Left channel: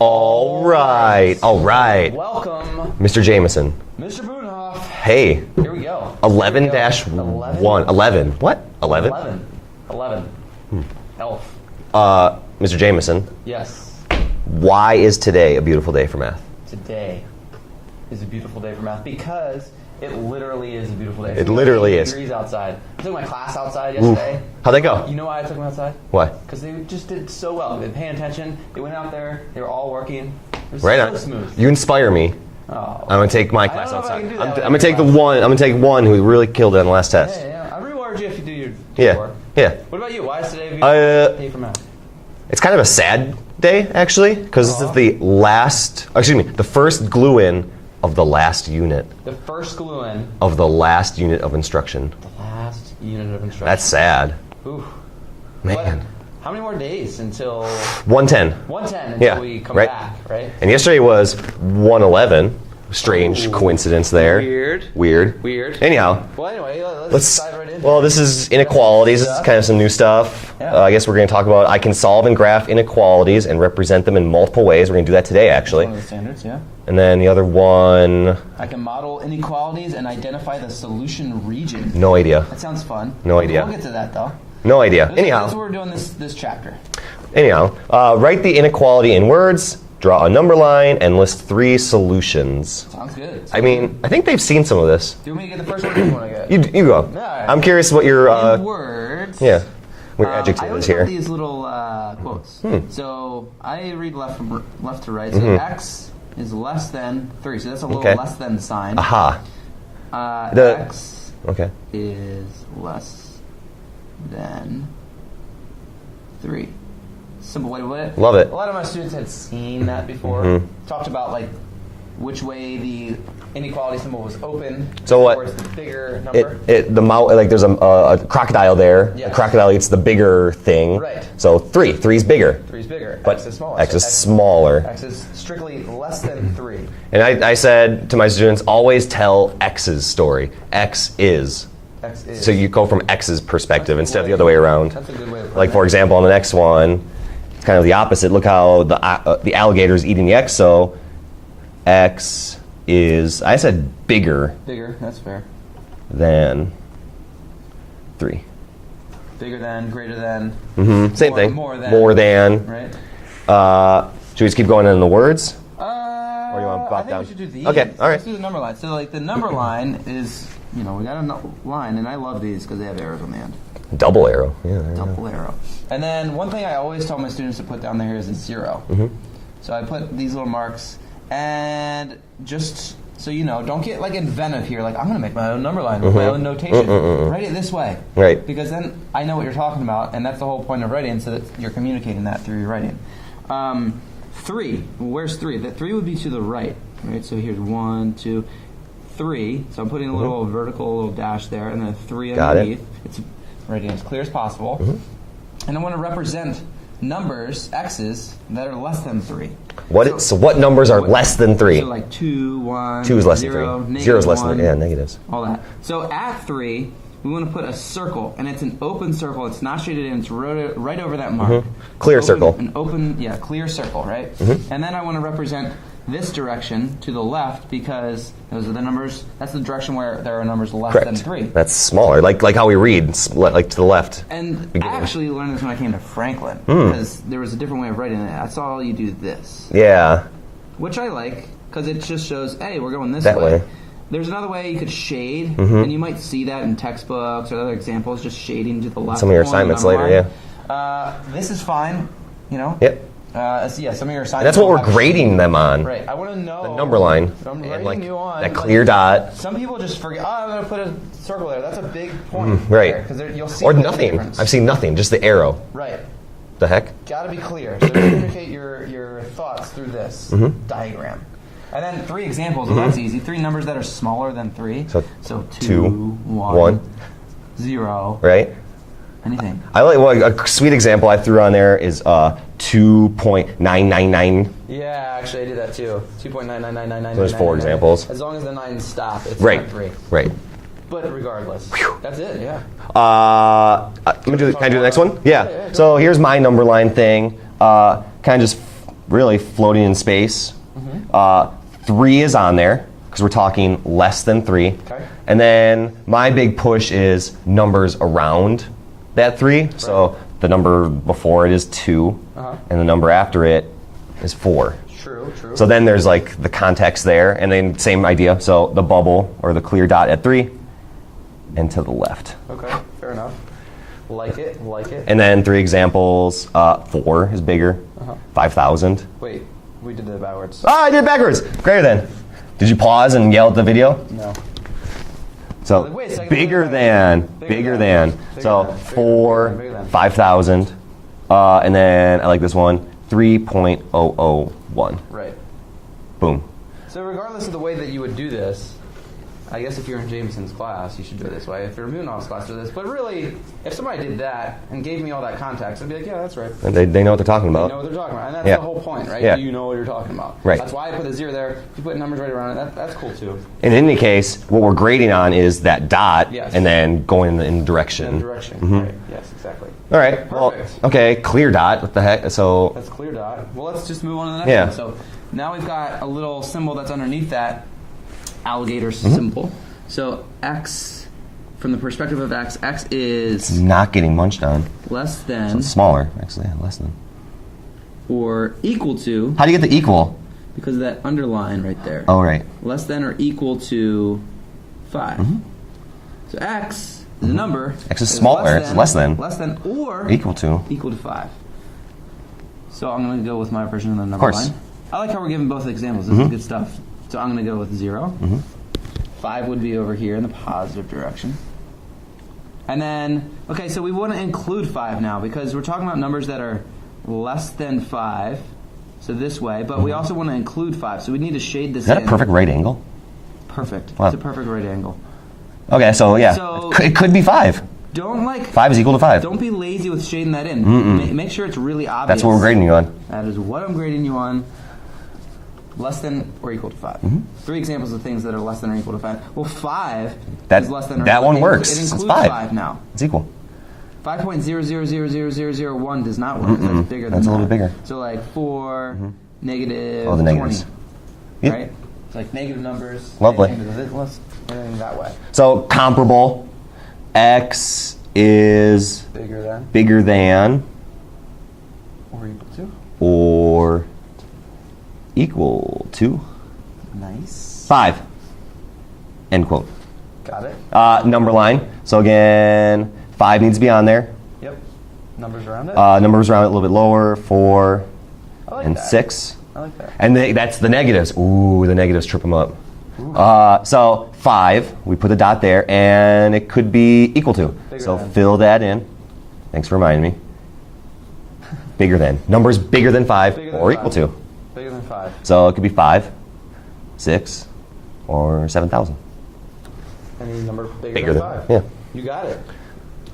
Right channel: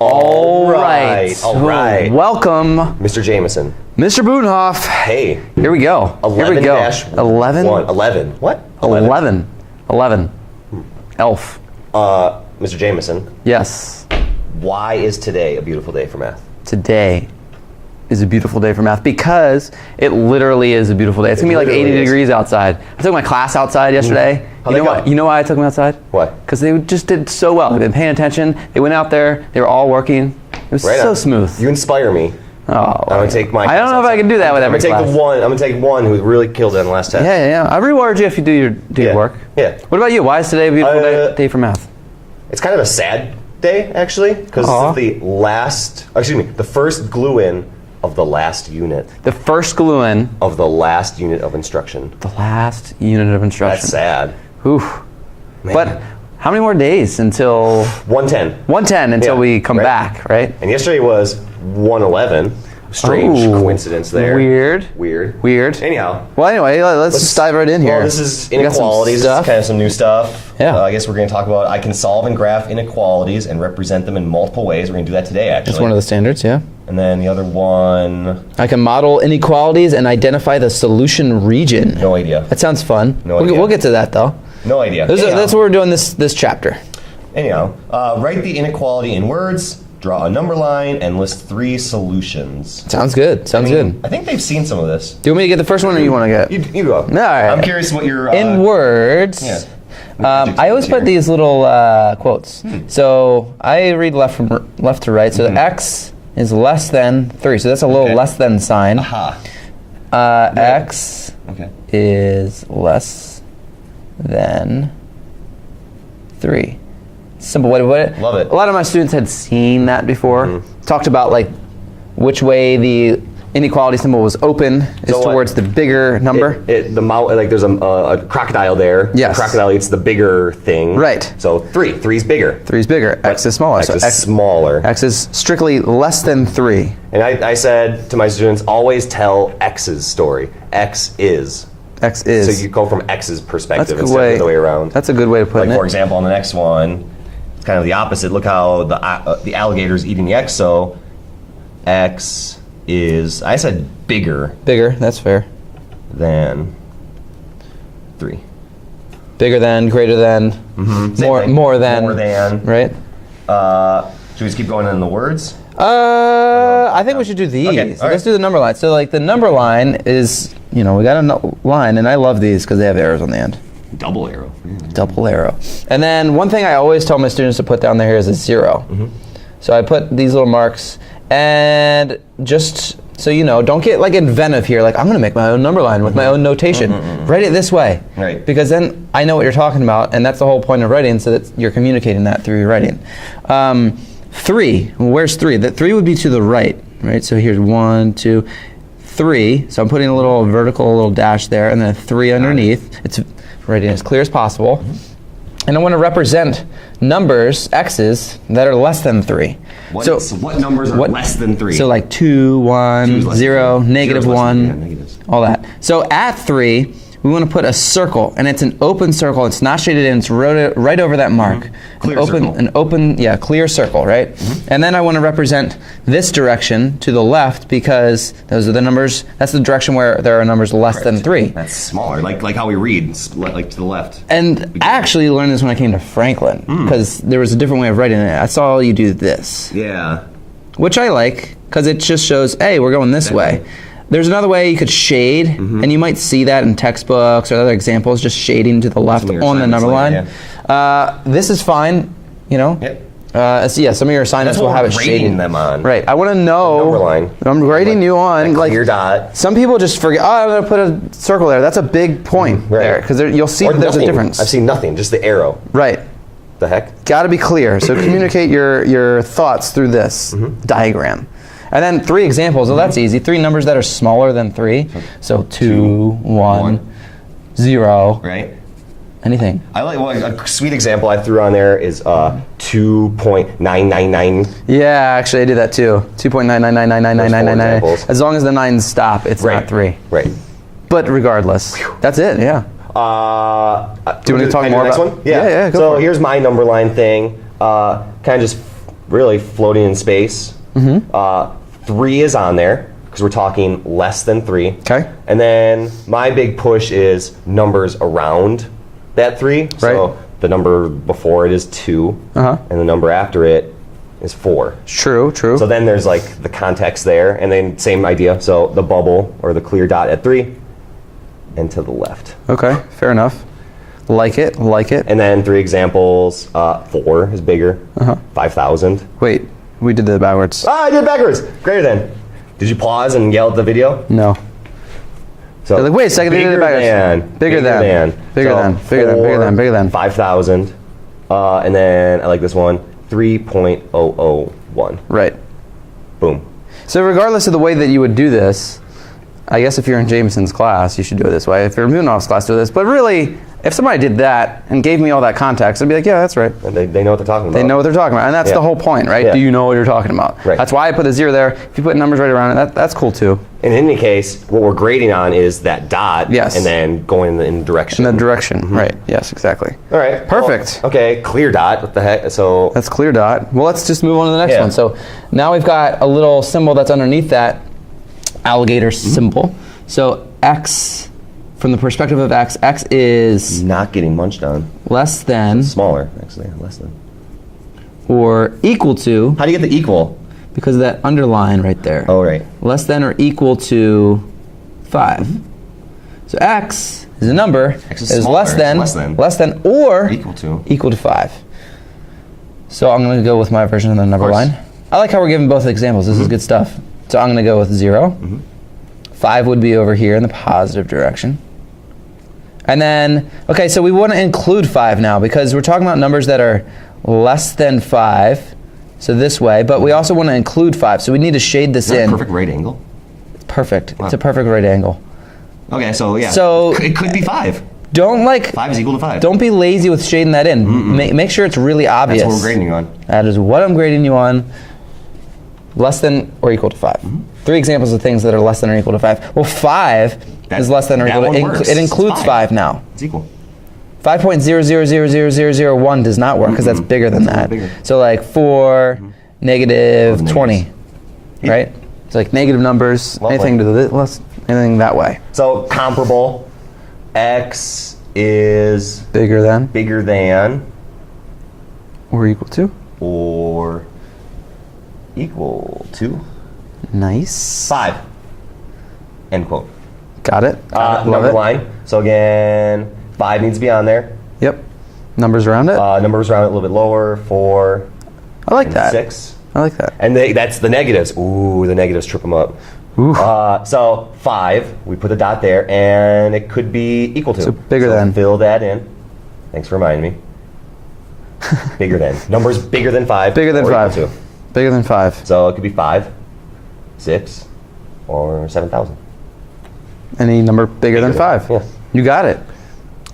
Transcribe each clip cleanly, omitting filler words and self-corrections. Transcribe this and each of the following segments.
All right. Welcome, Mr. Jameson. Mr. Boonhoff. Hey. Here we go. 11 Here we go. dash 11? 11. What? 11. Elf. Mr. Jameson, Yes. why is today a beautiful day for math? Today is a beautiful day for math because it literally is a beautiful day. It's going to be like 80 degrees outside. I took my class outside yesterday. How'd they go? You know why I took them outside? Why? Because they just did so well. They've been paying attention. They went out there. They were all working. It was so smooth. You inspire me. Oh, I'm gonna take my. I don't know if I can do that with every class. I'm gonna take one who really killed it in the last test. Yeah. I reward you if you do your work. Yeah. What about you? Why is today a beautiful day for math? It's kind of a sad day, actually, because this is the first glue-in of the last unit. The first glue-in of the last unit of instruction. The last unit of instruction. That's sad. Oof. Man. But how many more days until 110? 110 until we come back, right? And yesterday was 111. Strange coincidence there. Weird. Anyhow. Well, anyway, let's dive right in here. Well, this is inequalities. This is kind of some new stuff. Yeah. I guess we're going to talk about I can solve and graph inequalities and represent them in multiple ways. We're going to do that today, actually. That's one of the standards, yeah. And then the other one... I can model inequalities and identify the solution region. No idea. That sounds fun. No idea. We'll get to that, though. No idea. That's what we're doing this chapter. Anyhow, write the inequality in words, draw a number line, and list 3 solutions. Sounds good. Good. I think they've seen some of this. Do you want me to get the first one, or you want to get? You go. All right. I'm curious what your... in words. Yeah. I always put these little quotes. So I read left to right. So X is less than 3. So that's a little less than sign. Aha. X is less than 3. Simple way to put it. Love it. A lot of my students had seen that before. Talked about like which way the inequality symbol was open is towards the bigger number. There's a crocodile there. Yes. The crocodile eats the bigger thing. Right. So 3's bigger. 3's bigger. X is smaller. X is smaller. X is strictly less than 3. And I said to my students, always tell X's story. X is. So you go from X's perspective instead of the other way around. That's a good way to put it. Like, for example, on the next one, it's kind of the opposite. Look how the alligator's eating the X, so X is, I said bigger. Bigger, that's fair. Than 3. Bigger than, greater than, more than. Right? Should we just keep going in the words? I think we should do these. Okay, Let's do the number line. So like the number line is, we got a line, and I love these because they have arrows on the end. Double arrow. Yeah. Double arrow. And then one thing I always tell my students to put down there is a 0. So I put these little marks, and just so you know, don't get like inventive here. Like, I'm going to make my own number line with my own notation. Write it this way. Right. Because then I know what you're talking about, and that's the whole point of writing, so that you're communicating that through your writing. 3. Where's 3? That 3 would be to the right. So here's 1, 2, 3. So I'm putting a little vertical, little dash there, and then a 3 underneath. It's writing as clear as possible. And I want to represent numbers, X's, that are less than 3. So what numbers are less than 3? So like 2, 1, 0, negative 1. Yeah, negatives. All that. So at 3, we want to put a circle, and it's an open circle. It's not shaded in. It's right over that mark. Clear circle. An open, clear circle, right? And then I want to represent this direction to the left because those are the numbers. That's the direction where there are numbers less than 3. That's smaller, like how we read, like to the left. And I actually learned this when I came to Franklin because there was a different way of writing it. I saw you do this. Yeah. Which I like because it just shows, hey, we're going this way. There's another way you could shade, and you might see that in textbooks or other examples, just shading to the left on the number line. This is fine, Yep. Some of your assignments will have a grading shading them on. Right. I want to know. Number line. I'm grading you on. A clear dot. Some people just forget, I'm going to put a circle there. That's a big point there, because you'll see there's a difference. I've seen nothing, just the arrow. Right. The heck? Got to be clear. So communicate your thoughts through this diagram. And then 3 examples. Well, that's easy. 3 numbers that are smaller than 3. So 2, 1, 0. Right. Anything. I like a sweet example I threw on there is 2.999. Yeah, actually I did that too. 2.999999999. As long as the 9s stop, it's not 3. Right. But regardless, that's it. Yeah. Do you want to talk more about the next one? Yeah. Go so for it. here's my number line thing. Kind of just really floating in space. 3 is on there because we're talking less than 3. Okay. And then my big push is numbers around that 3. So the number before it is 2, and the number after it is 4. True. So then there's like the context there, and then same idea. So the bubble or the clear dot at 3, and to the left. Okay, fair enough. Like it. And then 3 examples. 4 is bigger. 5,000. Wait, we did that backwards. Ah, I did it backwards. Greater than. Did you pause and yell at the video? No. So Like, wait a second. Bigger than. Bigger than. 5,000. And then I like this one. 3.001. Right. Boom. So regardless of the way that you would do this, I guess if you're in Jameson's class, you should do it this way. If you're in Munoff's class, do this. But really, if somebody did that and gave me all that context, I'd be like, yeah, that's right. And they know what they're talking about. They know what they're talking about. And that's the whole point, right? Yeah. Do you know what you're talking about? Right. That's why I put the 0 there. If you put numbers right around it, that's cool too. In any case, what we're grading on is that dot. Yes. And then going in direction. In that direction, right. Yes, exactly. All right. Perfect. Well, okay, clear dot. What the heck? So That's clear dot. Well, let's just move on to the next one. So now we've got a little symbol that's underneath that alligator symbol. So x, from the perspective of x is not getting munched on. less than Smaller, actually, less than. or equal to, How do you get the equal? because of that underline right there. Oh, right. Less than or equal to 5. So x is a number. X is smaller. It's less than. or Equal to 5. So I'm going to go with my version of the number Of course. line. I like how we're giving both examples. This is good stuff. So I'm going to go with 0. 5 would be over here in the positive direction. And then, okay, so we want to include 5 now because we're talking about numbers that are less than 5, so this way, but we also want to include 5, so we need to shade this Is that in. a perfect right angle? Perfect. Wow. It's a perfect right angle. Okay, so yeah. So- it could be 5. Don't 5 is equal to 5. Don't be lazy with shading that in. Make sure it's really obvious. That's what we're grading you on. That is what I'm grading you on. Less than or equal to 5. 3 examples of things that are less than or equal to 5. Well, 5 is less than or that equal to one works. It It's includes 5 now. It's equal. 5.0000001 does not work because that's bigger than That's a that. little bigger. So like 4, negative Oh, the 20, negatives. Yeah. right? It's like negative numbers, Lovely. anything to the less, anything that way. So comparable. X is Bigger than bigger than or equal to. or equal to Nice. 5. End quote. Got it. Love Number it. line. So again, 5 needs to be on there. Yep. Numbers around it. Numbers around it a little bit lower. 4 I like and that. 6. I like that. And that's the negatives. Ooh, the negatives trip them up. Ooh. So 5, we put a dot there, and it could be equal to. So bigger than. Fill that in. Thanks for reminding me. Bigger than. Numbers bigger than 5. Bigger than or 5. Equal to. Bigger than 5. So it could be 5, 6, or 7,000. Any number bigger than 5. Yeah. You got it.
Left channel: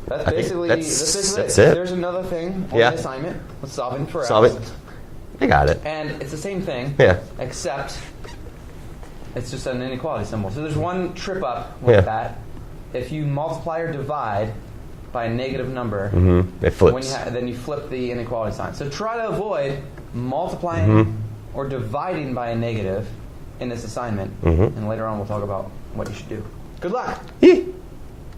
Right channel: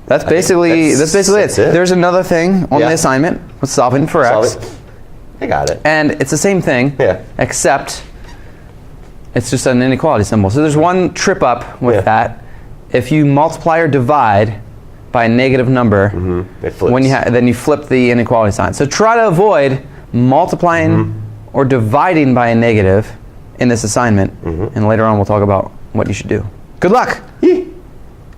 That's basically that's it. it. There's another thing on Yeah. the assignment with solving for Solve x. it. I got it. And it's the same thing, Yeah. except it's just an inequality symbol. So there's one trip up with Yeah. that. If you multiply or divide by a negative number, It flips. then you flip the inequality sign. So try to avoid multiplying or dividing by a negative in this assignment. And later on we'll talk about what you should do. Good luck.